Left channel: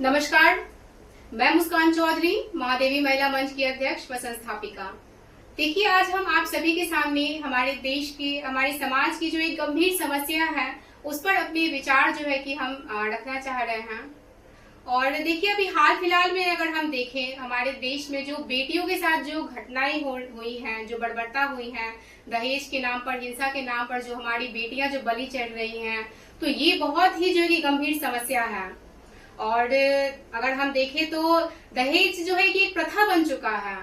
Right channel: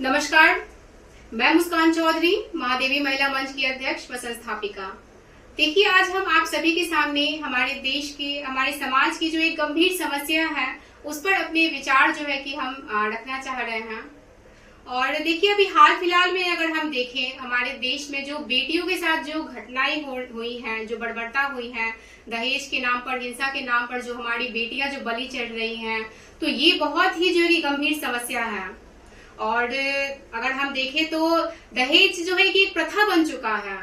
नमस्कार, मैं मुस्कान चौधरी, महादेवी महिला मंच की अध्यक्ष व संस्थापिका। देखिए, आज हम आप सभी के सामने हमारे देश की, हमारे समाज की जो एक गंभीर समस्या है, उस पर अपने विचार जो है कि हम रखना चाह रहे हैं। और देखिए, अभी हाल फिलहाल में अगर हम देखें, हमारे देश में जो बेटियों के साथ जो घटनाएं हुई हैं, जो बर्बरता हुई है, दहेज के नाम पर, हिंसा के नाम पर जो हमारी बेटियां जो बलि चढ़ रही हैं, तो ये बहुत ही जो है गंभीर समस्या है। और अगर हम देखें तो दहेज जो है कि एक प्रथा बन चुका है,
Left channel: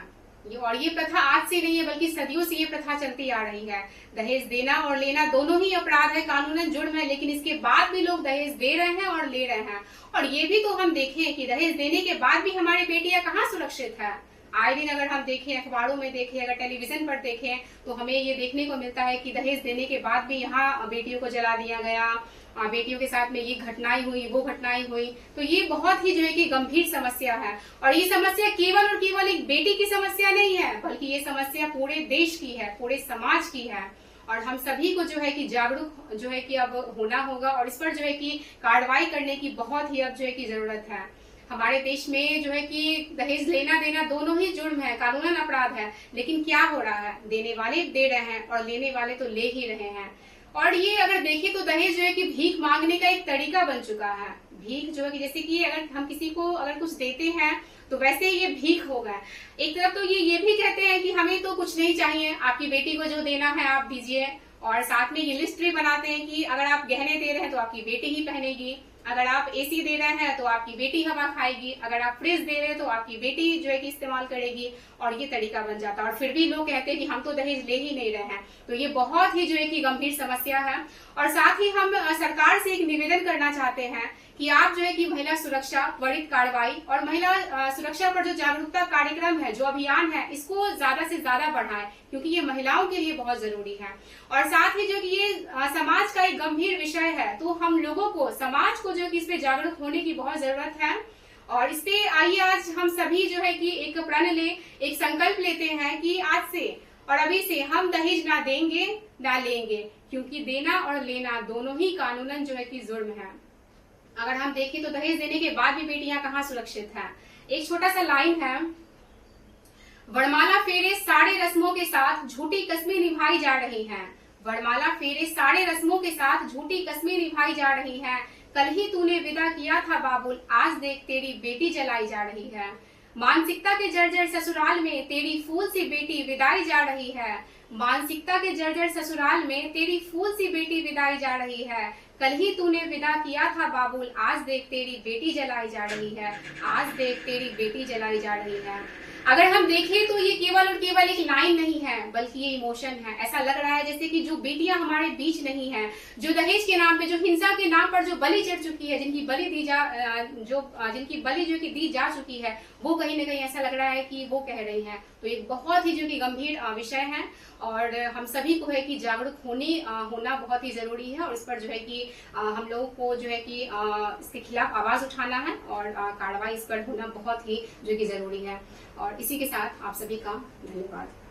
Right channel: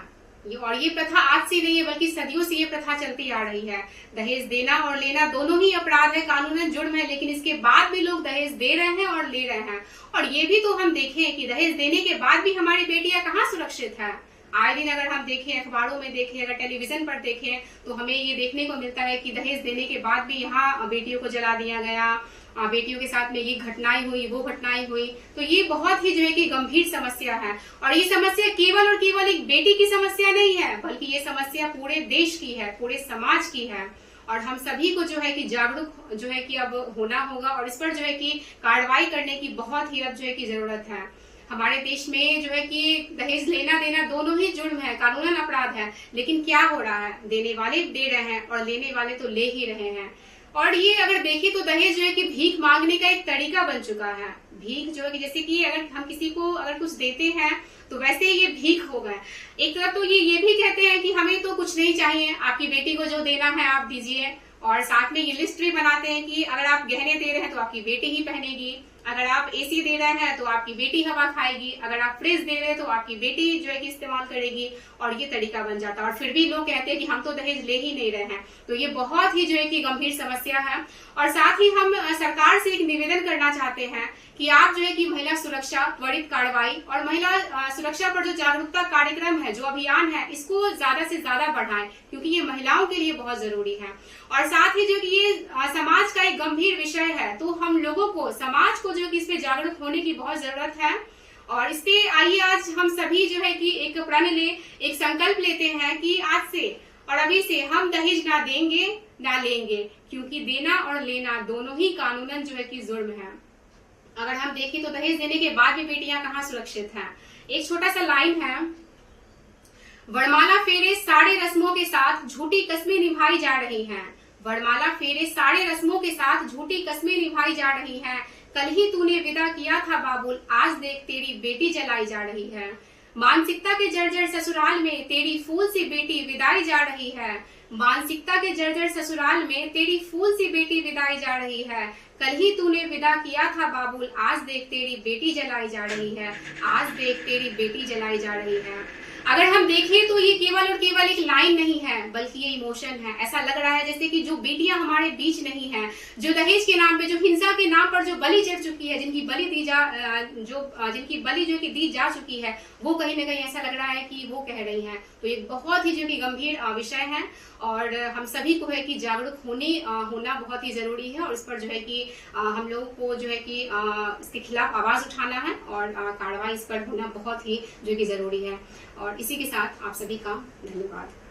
और ये प्रथा आज से नहीं है बल्कि सदियों से ये प्रथा चलती आ रही है। दहेज देना और लेना दोनों ही अपराध है, कानूनन जुर्म है, लेकिन इसके बाद भी लोग दहेज दे रहे हैं और ले रहे हैं। और ये भी तो हम देखें कि दहेज देने के बाद भी हमारी बेटियां कहाँ सुरक्षित है। आए दिन अगर हम देखें, अखबारों में देखें, अगर टेलीविजन पर देखें, तो हमें ये देखने को मिलता है कि दहेज देने के बाद भी यहाँ बेटियों को जला दिया गया, बेटियों के साथ में ये घटनाएं हुई, वो घटनाएं हुई। तो ये बहुत ही जो है कि गंभीर समस्या है। और ये समस्या केवल और केवल एक बेटी की समस्या नहीं है, बल्कि ये समस्या पूरे देश की है, पूरे समाज की है। और हम सभी को जो है कि जागरूक जो है कि अब होना होगा, और इस पर जो है कि कार्रवाई करने की बहुत ही अब जो है कि जरूरत है। हमारे देश में जो है कि दहेज लेना देना दोनों ही जुर्म है, कानूनन अपराध है, लेकिन क्या हो रहा है, देने वाले दे रहे हैं और लेने वाले तो ले ही रहे हैं। और ये अगर देखें तो दहेज जो है कि भीख मांगने का एक तरीका बन चुका है। भीख जो है कि जैसे कि अगर हम किसी को अगर कुछ देते हैं तो वैसे ही ये भीख हो गया। एक तरफ तो ये भी कहते हैं कि हमें तो कुछ नहीं चाहिए, आपकी बेटी को जो देना है आप दीजिए, और साथ में ये लिस्ट भी बनाते हैं कि अगर आप गहने दे रहे हैं तो आपकी बेटी ही पहनेगी, अगर आप एसी दे रहे हैं तो आपकी बेटी हवा खाएगी, अगर आप फ्रिज दे रहे हैं तो आपकी बेटी जो है कि इस्तेमाल करेगी। और ये तरीका बन जाता है। और फिर भी लोग कहते हैं कि हम तो दहेज ले ही नहीं रहे हैं। तो ये बहुत ही जो है कि गंभीर समस्या है। और साथ ही हम सरकार से एक निवेदन करना चाहते हैं कि आप जो है कि महिला सुरक्षा, त्वरित कार्रवाई और महिला सुरक्षा पर जो जागरूकता कार्यक्रम है, जो अभियान है, इसको ज्यादा से ज्यादा बढ़ाएं, क्योंकि ये महिलाओं के लिए बहुत जरूरी है। और साथ ही जो कि ये समाज का एक गंभीर विषय है, तो हम लोगों को, समाज को जो कि इस पे जागरूक होने की बहुत जरूरत है। और इस पे आइए आज हम सभी जो है कि एक प्रण ले, एक संकल्प लेते हैं कि आज से और अभी से हम दहेज ना देंगे ना लेंगे, क्योंकि देना और लेना दोनों ही कानूनन जो है कि जुर्म है। अगर हम देखें तो दहेज देने के बाद भी बेटियां कहाँ सुरक्षित हैं। एक छोटा सा लाइन है, वरमाला फेरे सारे रस्मों के साथ झूठी कस्में निभाई जा रही हैं। वरमाला फेरे सारे रस्मों के साथ झूठी कस्में निभाई जा रही हैं। कल ही तूने विदा किया था बाबुल, आज देख तेरी बेटी जलाई जा रही है। मानसिकता के जर्जर ससुराल में तेरी फूल सी बेटी विदाई जा रही है। मानसिकता के जर्जर ससुराल में तेरी फूल सी बेटी विदाई जा रही है। कल ही तूने विदा किया था बाबुल, आज देख तेरी बेटी जलाई जा रही है। आज देख तेरी बेटी जलाई जा रही है। अगर हम देखें तो ये केवल और केवल एक लाइन नहीं है, बल्कि ये इमोशन है। ऐसा लग रहा है जैसे कि जो बेटियां हमारे बीच नहीं है, जो दहेज के नाम पे, जो हिंसा के नाम पर जो बलि चढ़ चुकी है, जिनकी बलि जो कि दी जा चुकी है, वो कहीं ना कहीं ऐसा लग रहा है कि वो कह रही हैं। तो एक बहुत ही जो कि गंभीर विषय है, और हम सभी को है कि जागरूक होना बहुत ही जरूरी है। और इस पर जो है कि हम लोगों को जो है कि इसके खिलाफ आवाज उठाना है, और कार्रवाई इस पर होना बहुत ही जो कि जरूरी है। और इसी के साथ आप सभी का धन्यवाद।